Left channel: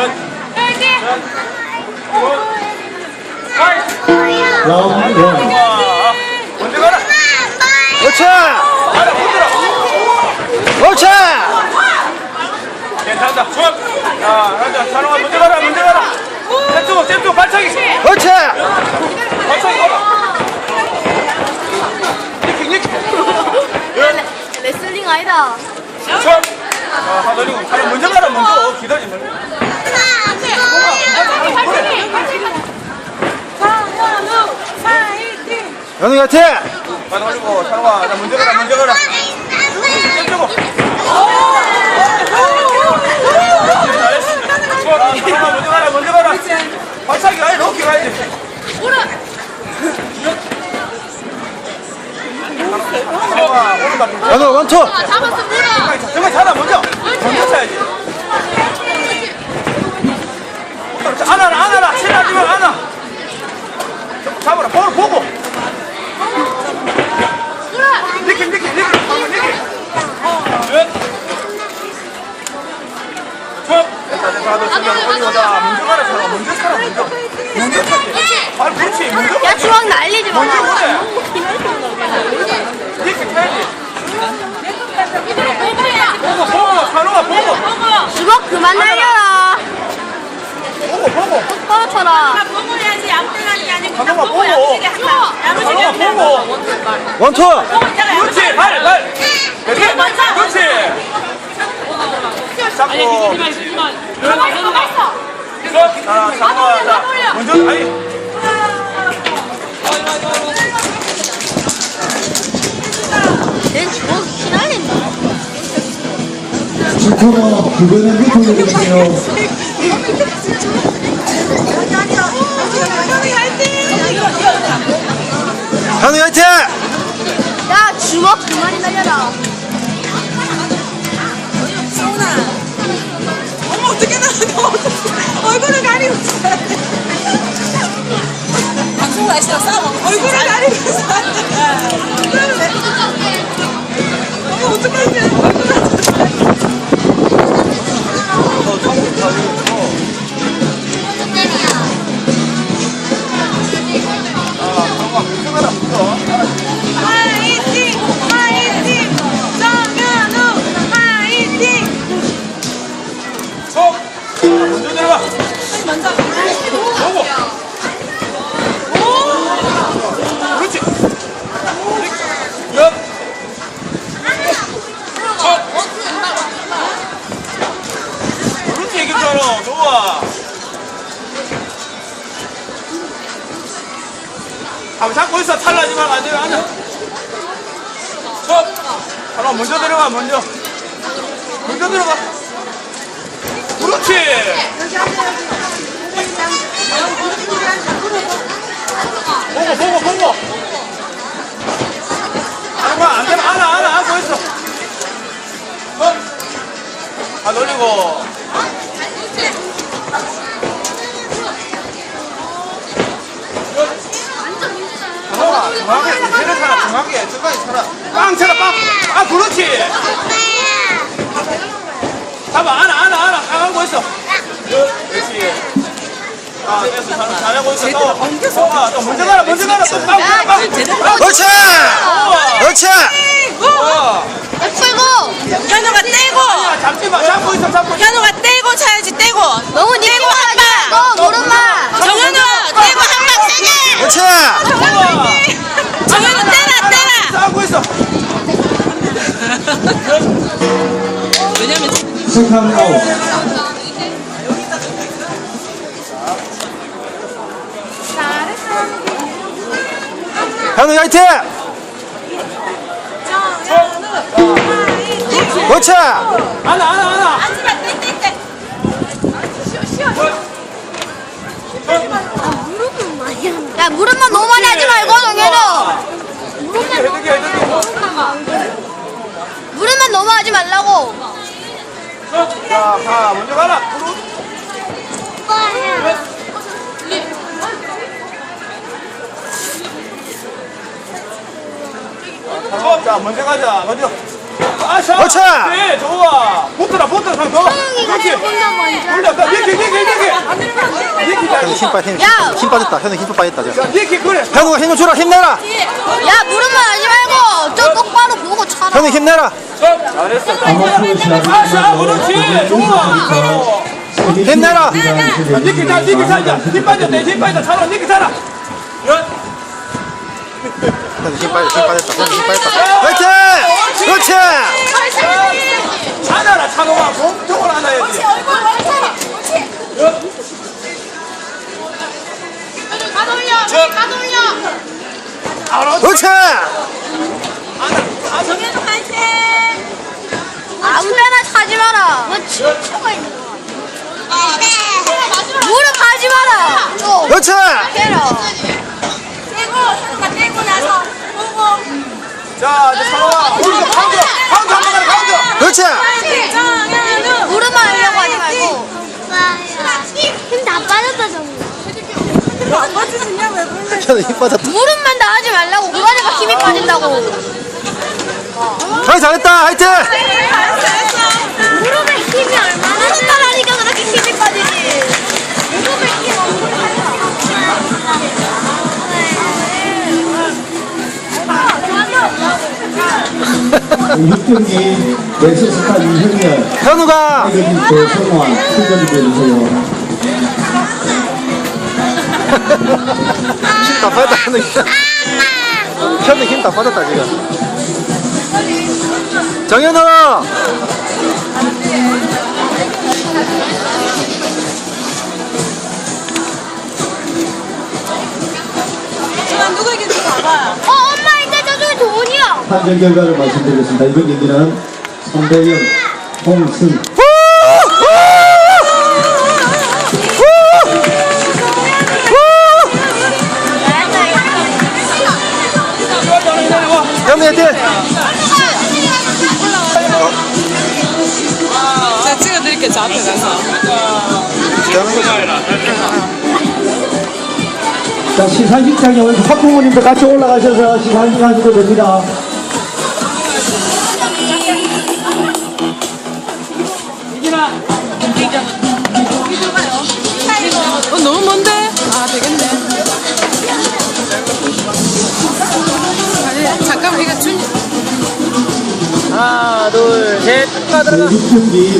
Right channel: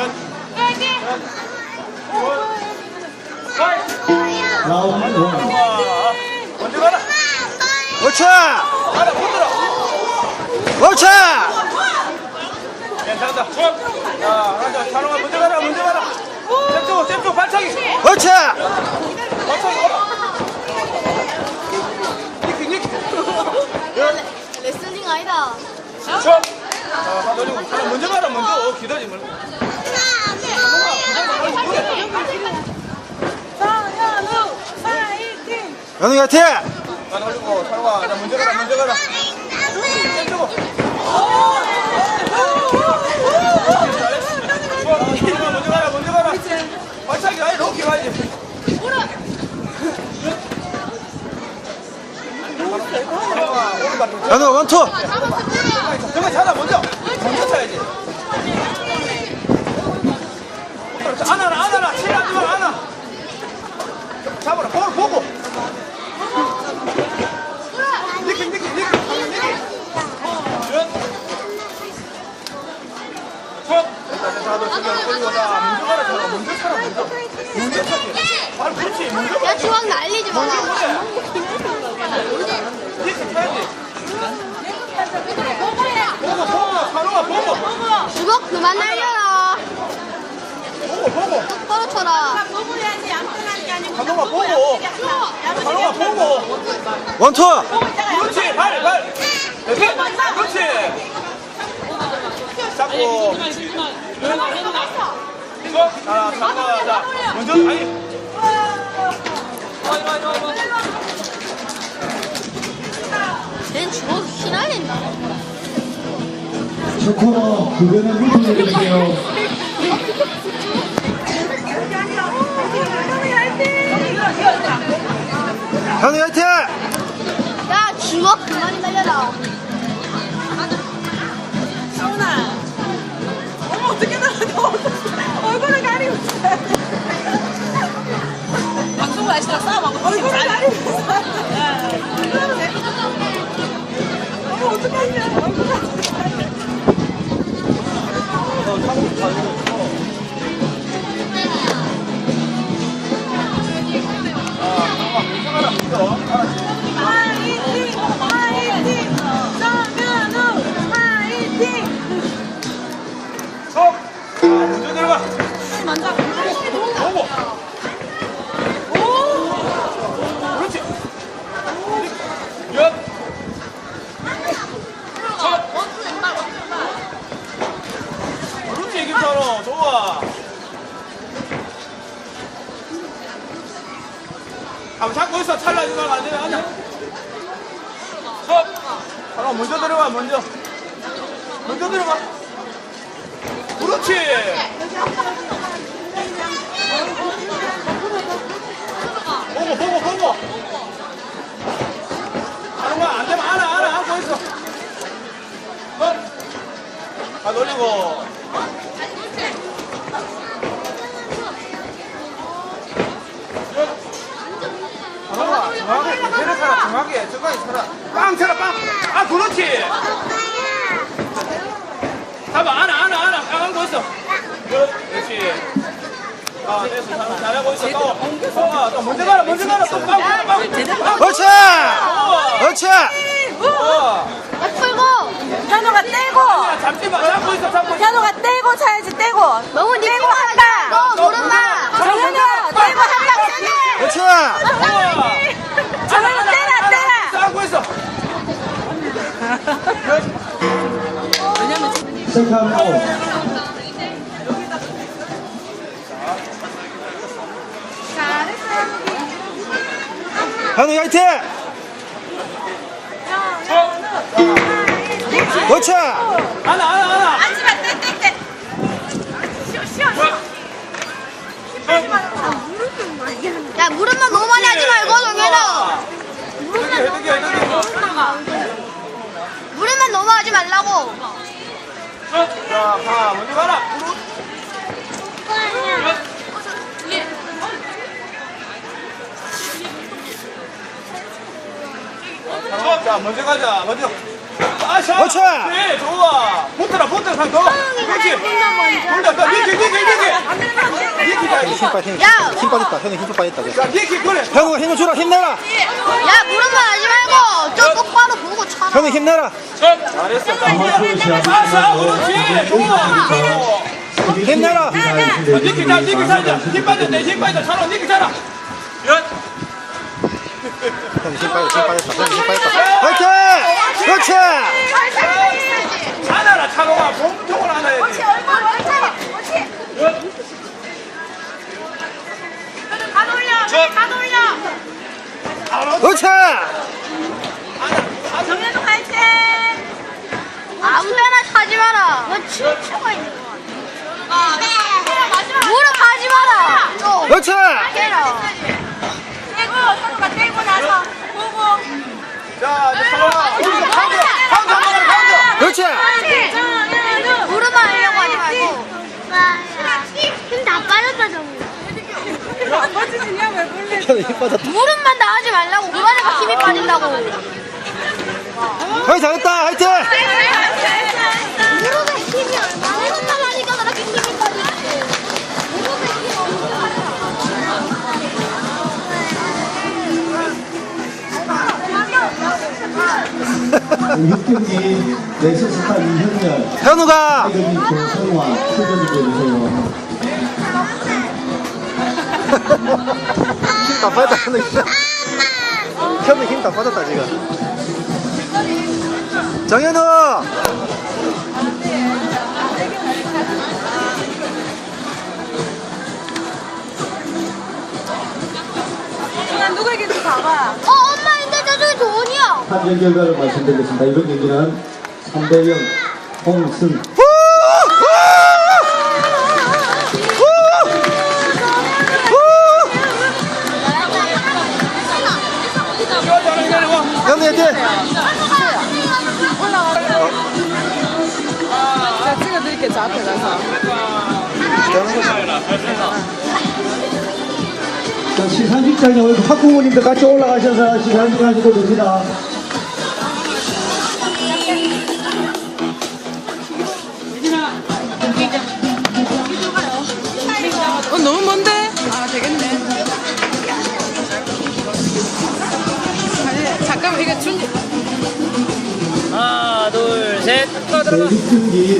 원. 먼저 가라. 그렇지! 그렇지! 괜찮다. 쭉. 자, 가자. 찬호가 먼저 가라. 먼저 가라. 떼주고, 떼주고, 발차기. 그렇지! 발차기 가라. 니키, 니키. 레슬링 아니다. 쭉. 자, 다 돌리고. 찬호 먼저 가라. 먼저. 기다리지 말고. 연우 화이팅! 다 돌리고. 찬호가 자, 먼저 가라. 먼저 가라. 떼주고. 잘했습니다. 쭉. 찬호가 먼저 가라. 먼저 가라. 발차기 가야 돼. 어깨 가야 돼. 찬호가 오른발 연우 원투! 잡았어, 물어. 먼저 먼저 쳐야지 안아라 안아라 치라지 마 안아 잡아라 볼 보고 니키 니키 니키 방금 니키 첫 됐다 됐다 너 지금 올리고 자 먼저 가라 차라 먼저 차라 먼저 먼저 차지 발 그렇지 먼저 야, 주황 날리지 마. 먼저 니키 쳐야지 보고 찬호가 보고 주먹 그만 날려라. 보고 보고 똑바로 쳐라. 먹어야지 아무 때나 하는 게 아니고 잠깐만, 그냥 먹어야 보고. 어떻게 한다. 찬호가 보고 원투! 그렇지 발 발. 그렇지 그렇지. 잡고 그렇지. 쭉. 자 잡고 자 먼저 아니. 축구가 그거는 밑으로 내주세요. 현우 화이팅! 야, 주먹 그만 탈라지 말고 안 되면 앉아. 쭉. 하나 먼저 들어가 먼저. 먼저 들어가. 그렇지. 보고 보고 보고 아이고 안 되면 안아 안아 안고 있어 어? 다 돌리고 정확하게 정확하게 차라 정확하게 차라 빵 차라 빵아 그렇지. 잡아 안아 안아 안아. 딱 안고 있어. 그렇지 아 잘- 잘하고 있어. 싸워 싸워 또 먼저 가라 먼저 가라. 또. 빵, 빵, 빵. 그렇지! 그렇지! 어. 야, 풀고. 현우가 떼고. 잡지 마. 잡고 있어 잡고 있어. 현우가 떼고 차야지 떼고. 너무 니 떼고 한 방. 너 무릎만. 정현우 떼고 한 방 세게 그렇지! 정현우 떼라 떼라 싸고 있어 왜냐면 세컨 아웃. 현우 화이팅! 그렇지! 하나 하나 하나 앉으면 떼떼떼 야, 무릎만 너무 많이 하지 말고, 정현우. 무릎만 너무 많이 하고, 무릎만 무릎만 너무 하지 말라고. 자 먼저 가라. 어, 자 먼저 가자. 먼저 아, 자, 그렇지! 네, 좋아. 붙어라, 붙어, 더. 형이가 그렇지. 조금 더 먼저. 먼저, 더, 니키, 니키, 현우 힘 빠, 힘, 야! 힘 빠졌다. 현우 힘 빠졌다. 저. 자, 니키 그래. 현우가 힘을 주라. 힘내라. 야 무릎만 하지 말고 저 똑바로 보고 차. 현우 힘내라. 아마추어 이제 힘내라. 살자. 힘 빠져, 내힘 빠져. 차로 니키 살아. 연. 현우 힘 빠졌다. 힘 빠졌다. 현우 힘 빠졌다. 화이팅! 그렇지. 안아라, 차로가. 몸통을 안아야지. 그렇지. 아무 데나 차지 마라. 뭐 춤추고 있는 거 같아. 무릎 하지 마라. 또 그렇지. 해라. 자, 이제 차로가. 우리가 방금, 방금 한번 가라. 그렇지. 무릎만 하려고 하지 말고. 힘다 빠졌다 정말. 현우 힘 빠졌다. 무릎만 다 하지 말라고. 그러니까 힘이 빠진다고. 형이 잘했다. 화이팅! 무릎에 힘이 얼마나 무릎만 하니까 그렇게 힘이 빠지지. 6경기 엑스스타 이형렬 현우가 타이거리스 성화 출전 해주세요. 힘다 빠졌다. 현우 힘. 현우 힘다 빠졌다 지금. 정현우. 판정 결과를 말씀드리겠습니다. 이번 경기는 3대0 홍승 현우 화이팅! 제가 찍어드릴게요, 저 앞에 가서. 되는 거지. 자, 시상식장에 오늘 학부모님도 같이 올라가셔서 시상식 하셔도 됩니다. 어, 너무 먼데? 아, 되겠네. 아니, 잠깐만, 이거 준, 하나, 둘, 셋. 그 6경기